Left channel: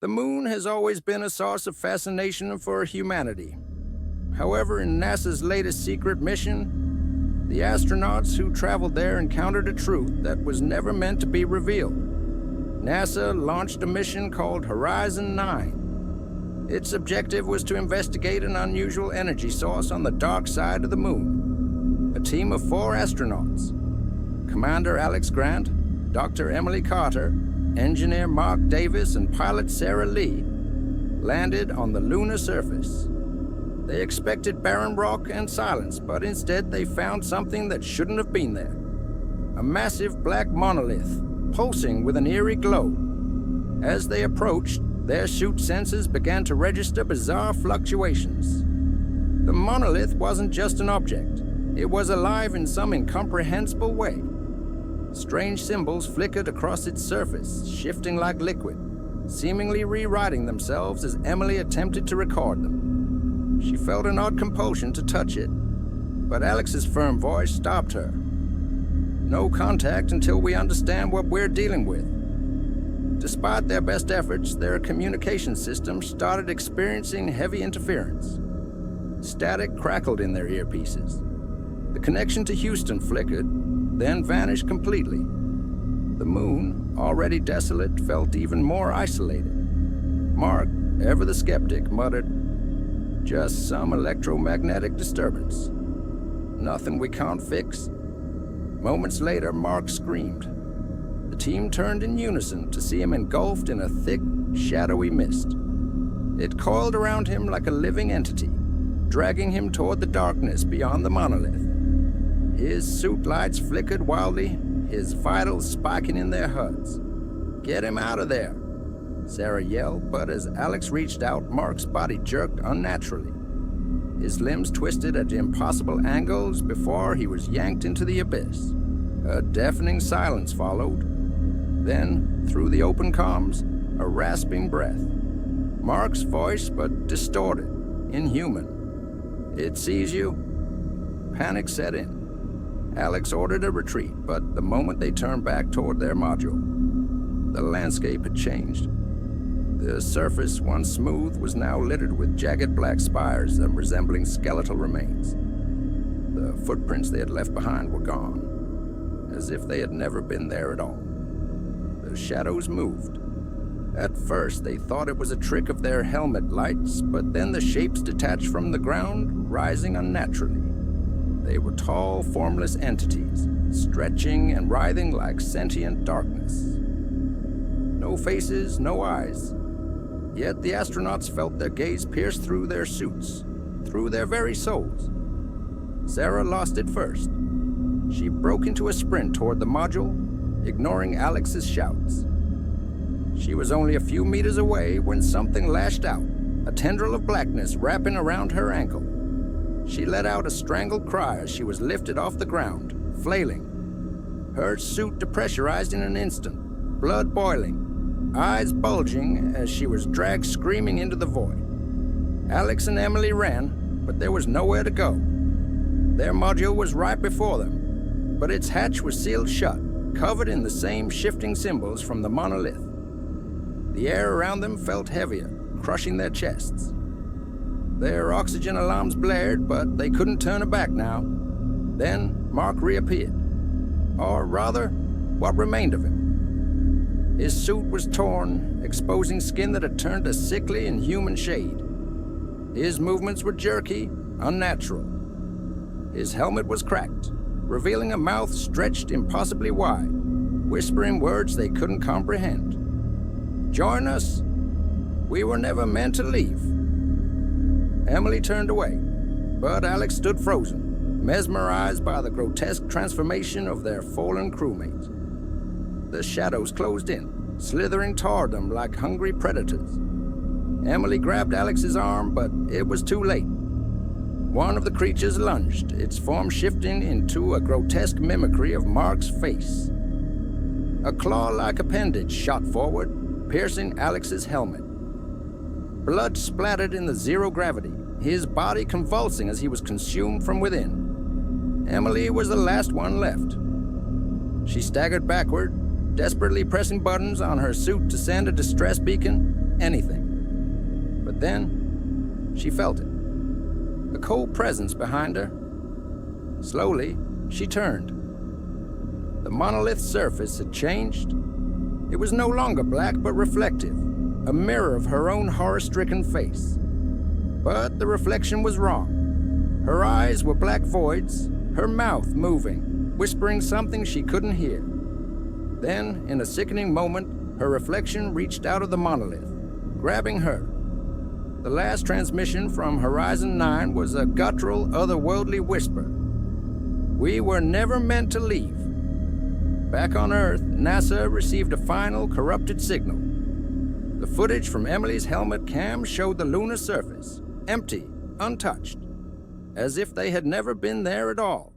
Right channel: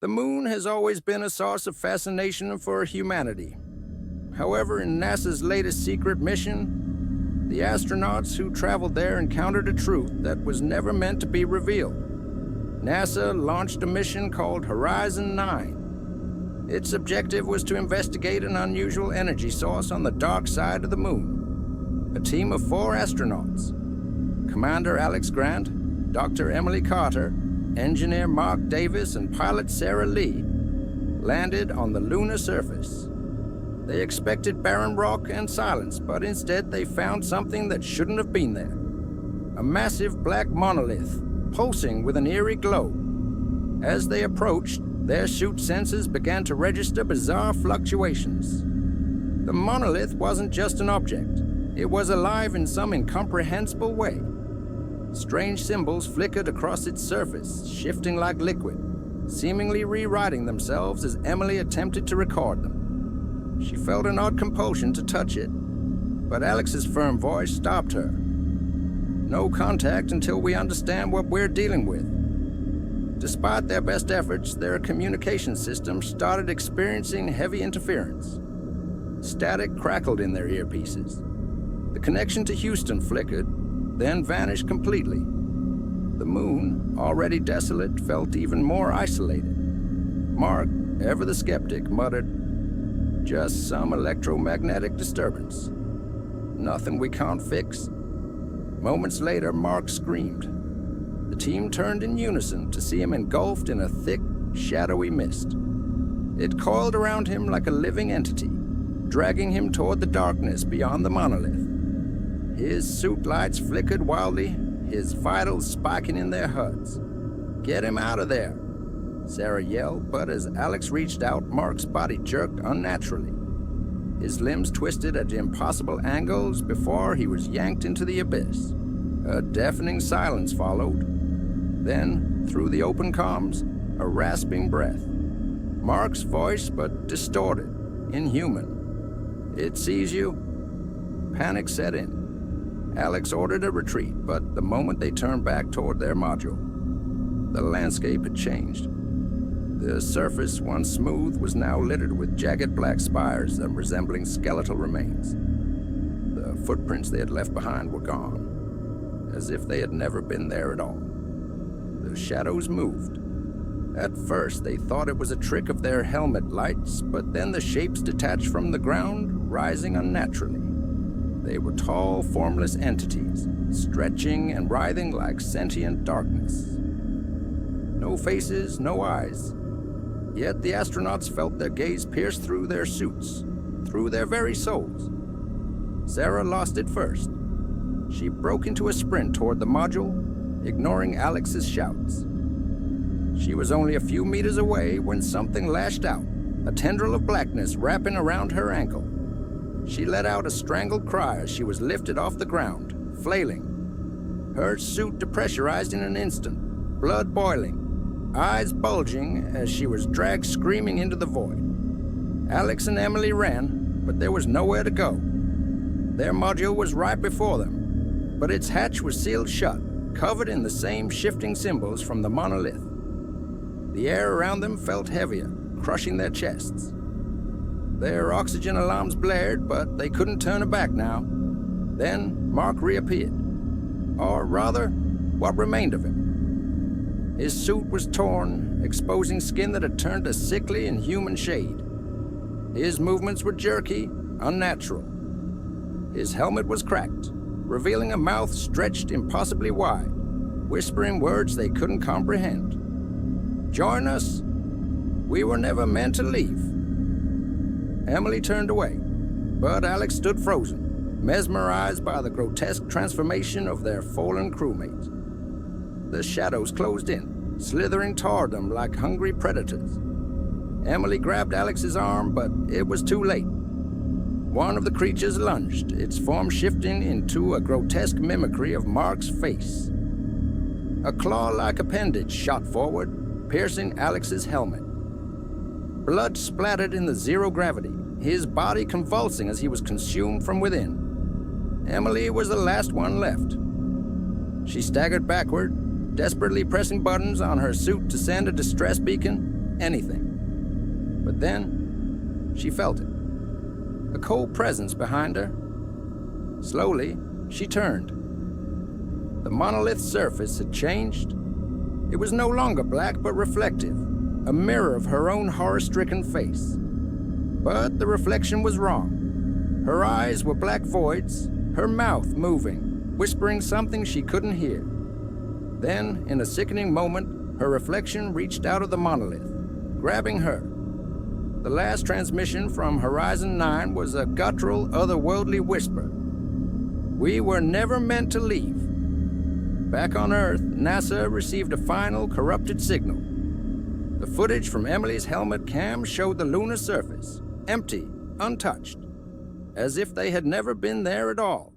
The moon has always been a source of fascination for humanity. However, in NASA's latest secret mission, the astronauts who traveled there encountered a truth that was never meant to be revealed. NASA launched a mission called Horizon 9. Its objective was to investigate an unusual energy source on the dark side of the moon. A team of 4 astronauts, Commander Alex Grant, Dr. Emily Carter, Engineer Mark Davis, and pilot Sarah Lee, landed on the lunar surface. They expected barren rock and silence, but instead they found something that shouldn't have been there. A massive black monolith, pulsing with an eerie glow. As they approached, their suit sensors began to register bizarre fluctuations. The monolith wasn't just an object. It was alive in some incomprehensible way. Strange symbols flickered across its surface, shifting like liquid, seemingly rewriting themselves as Emily attempted to record them. She felt an odd compulsion to touch it, but Alex's firm voice stopped her. No contact until we understand what we're dealing with. Despite their best efforts, their communication system started experiencing heavy interference. Static crackled in their earpieces. The connection to Houston flickered, then vanished completely. The moon, already desolate, felt even more isolated. Mark, ever the skeptic, muttered, "Just some electromagnetic disturbance. Nothing we can't fix." Moments later, Mark screamed. The team turned in unison to see him engulfed in a thick, shadowy mist. It coiled around him like a living entity, dragging him toward the darkness beyond the monolith. His suit lights flickered wildly, his vitals spiking in their HUDs. "Get him out of there," Sarah yelled, but as Alex reached out, Mark's body jerked unnaturally. His limbs twisted at impossible angles before he was yanked into the abyss. A deafening silence followed. Then, through the open comms, a rasping breath. Mark's voice, but distorted, inhuman. "It sees you." Panic set in. Alex ordered a retreat, but the moment they turned back toward their module, the landscape had changed. The surface, once smooth, was now littered with jagged black spires resembling skeletal remains. The footprints they had left behind were gone, as if they had never been there at all. The shadows moved. At first, they thought it was a trick of their helmet lights, but then the shapes detached from the ground, rising unnaturally. They were tall, formless entities, stretching and writhing like sentient darkness. No faces, no eyes. Yet the astronauts felt their gaze pierce through their suits, through their very souls. Sarah lost it first. She broke into a sprint toward the module, ignoring Alex's shouts. She was only a few meters away when something lashed out, a tendril of blackness wrapping around her ankle. She let out a strangled cry as she was lifted off the ground, flailing. Her suit depressurized in an instant, blood boiling, eyes bulging as she was dragged screaming into the void. Alex and Emily ran, but there was nowhere to go. Their module was right before them, but its hatch was sealed shut, covered in the same shifting symbols from the monolith. The air around them felt heavier, crushing their chests. Their oxygen alarms blared, but they couldn't turn it back now. Then Mark reappeared. Or rather, what remained of him. His suit was torn, exposing skin that had turned a sickly, inhuman shade. His movements were jerky, unnatural. His helmet was cracked, revealing a mouth stretched impossibly wide, whispering words they couldn't comprehend. "Join us. We were never meant to leave." Emily turned away, but Alex stood frozen, mesmerized by the grotesque transformation of their fallen crewmates. The shadows closed in, slithering toward them like hungry predators. Emily grabbed Alex's arm, but it was too late. One of the creatures lunged, its form shifting into a grotesque mimicry of Mark's face. A claw-like appendage shot forward, piercing Alex's helmet. Blood splattered in the zero gravity, his body convulsing as he was consumed from within. Emily was the last one left. She staggered backward, desperately pressing buttons on her suit to send a distress beacon, anything. But then, she felt it. A cold presence behind her. Slowly, she turned. The monolith's surface had changed. It was no longer black but reflective, a mirror of her own horror-stricken face. But the reflection was wrong. Her eyes were black voids, her mouth moving, whispering something she couldn't hear. Then, in a sickening moment, her reflection reached out of the monolith, grabbing her. The last transmission from Horizon 9 was a guttural, otherworldly whisper. We were never meant to leave. Back on Earth, NASA received a final, corrupted signal. The footage from Emily's helmet cam showed the lunar surface, empty, untouched, as if they had never been there at all.